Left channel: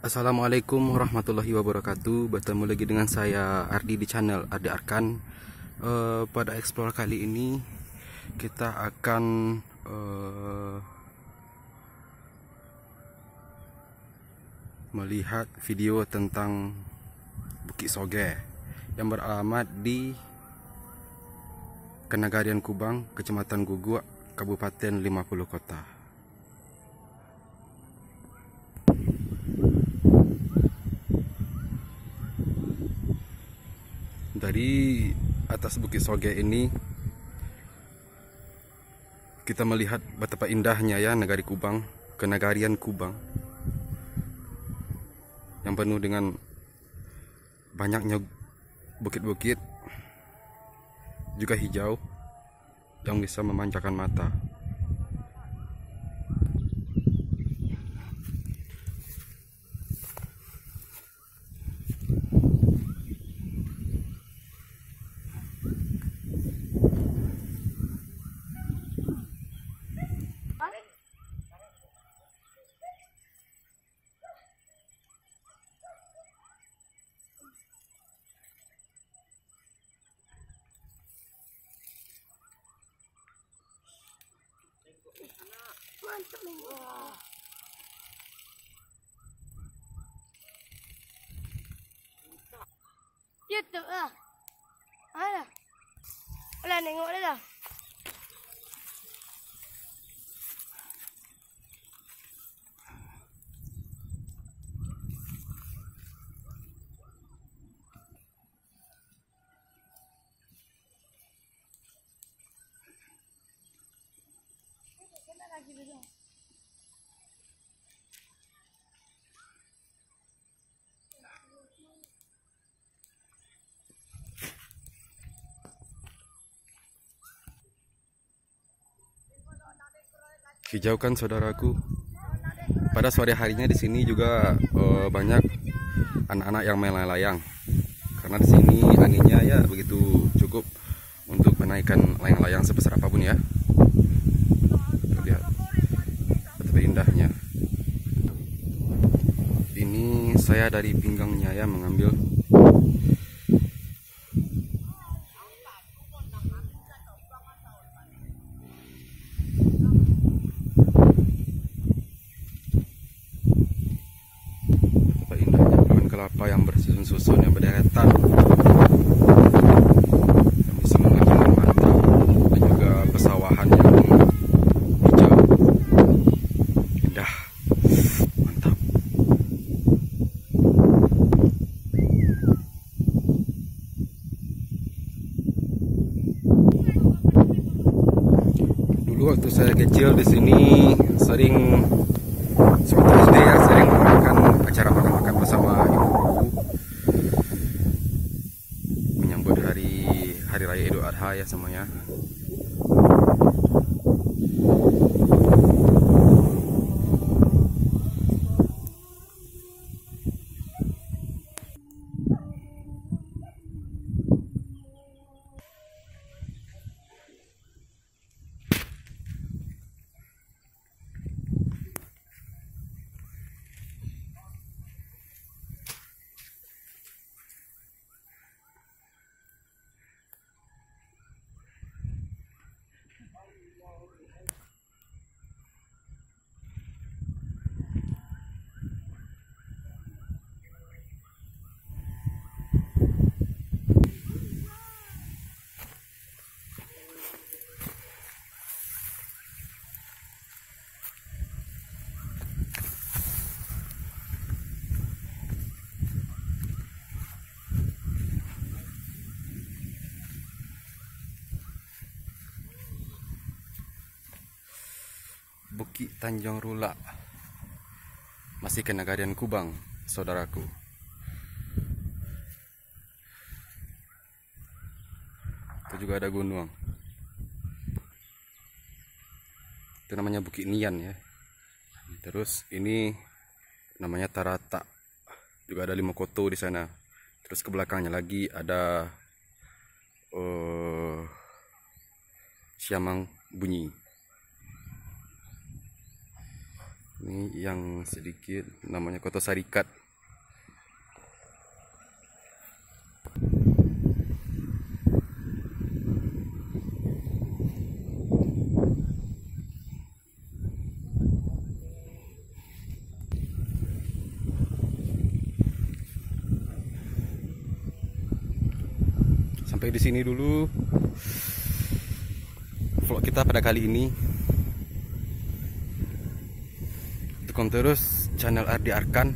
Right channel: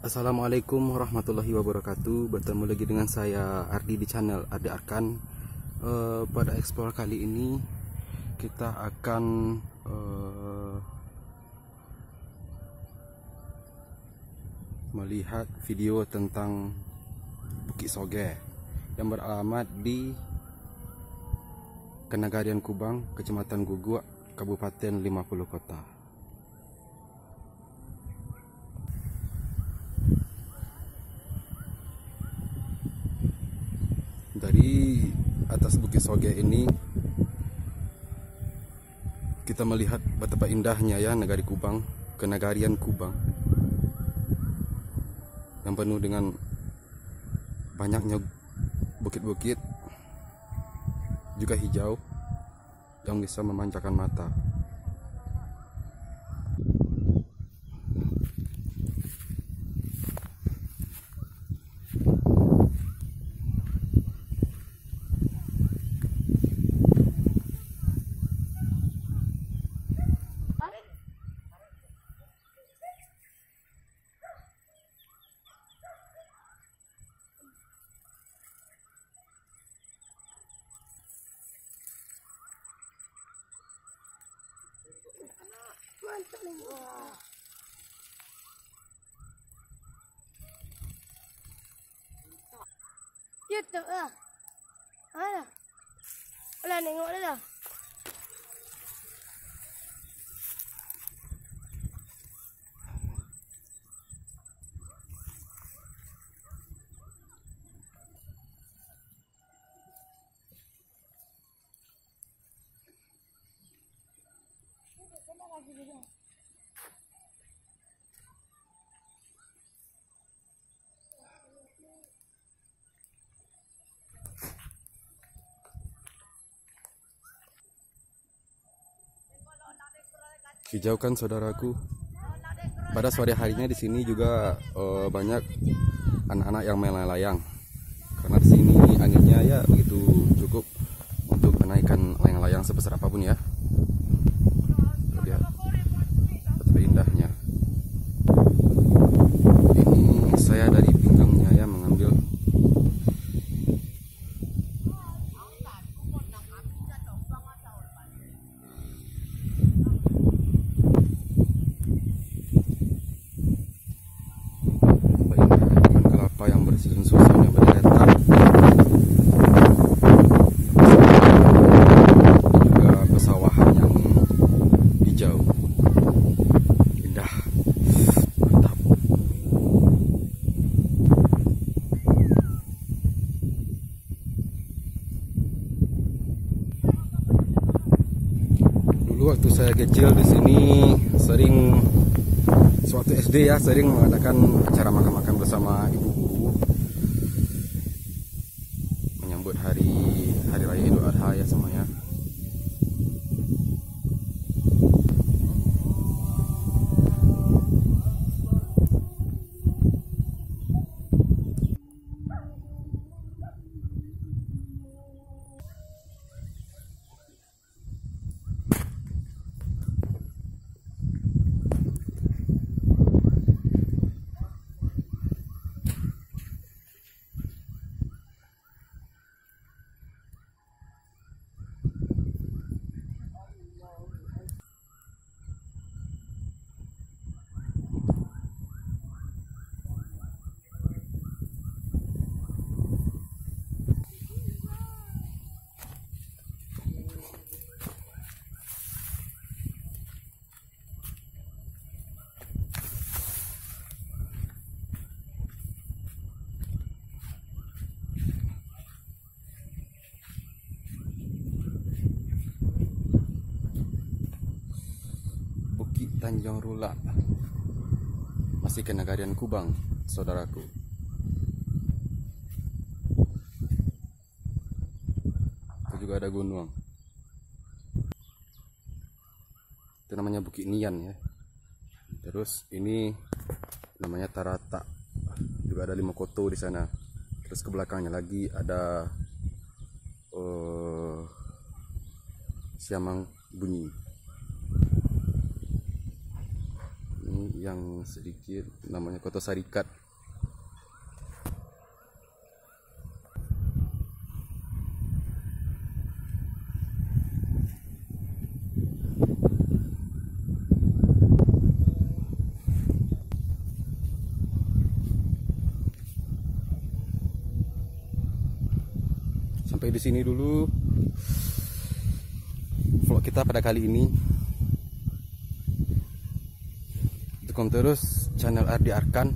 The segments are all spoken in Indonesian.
Assalamualaikum warahmatullahi wabarakatuh. Bertemu lagi dengan saya Ardi di channel Ardi Arkan. Pada explore kali ini kita akan melihat video tentang Bukit Soge yang beralamat di Kenagarian Kubang, Kecamatan Guguk, Kabupaten 50 Kota. Dari atas Bukit Soge ini kita melihat betapa indahnya ya negari Kubang, Kenagarian Kubang, yang penuh dengan banyaknya bukit-bukit, juga hijau yang bisa memanjakan mata. Mantap nih. Gitu lah. Mana? Boleh nengok dah. Kita lagi dulu. Hijau kan saudaraku. Pada sore harinya di sini juga banyak anak-anak yang main layang. Karena di sini anginnya ya begitu cukup untuk menaikkan layang-layang sebesar apapun ya. Lihat betapa indahnya. Ini saya dari pinggangnya ya mengambil. Yang bersusun-susun yang berderetan, dan juga pesawahan yang hijau indah, mantap. Dulu waktu saya kecil di sini sering suatu SD ya, sering mengadakan acara makan-makan bersama ibu menyambut hari raya Idul Adha ya semuanya. Bukit Tanjung Rula, masih Kenagarian Kubang, saudaraku. Itu juga ada gunung. Itu namanya Bukit Nian ya. Terus ini namanya Tarata. Juga ada 5 koto di sana. Terus ke belakangnya lagi ada Siamang Bunyi. Ini yang sedikit namanya Koto Sarikat. Sampai di sini dulu vlog kita pada kali ini. Dukung terus channel Ardi Arkan,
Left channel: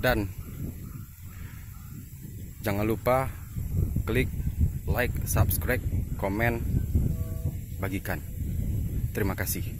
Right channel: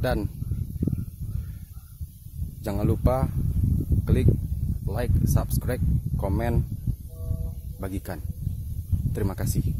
dan jangan lupa klik like, subscribe, komen, bagikan. Terima kasih.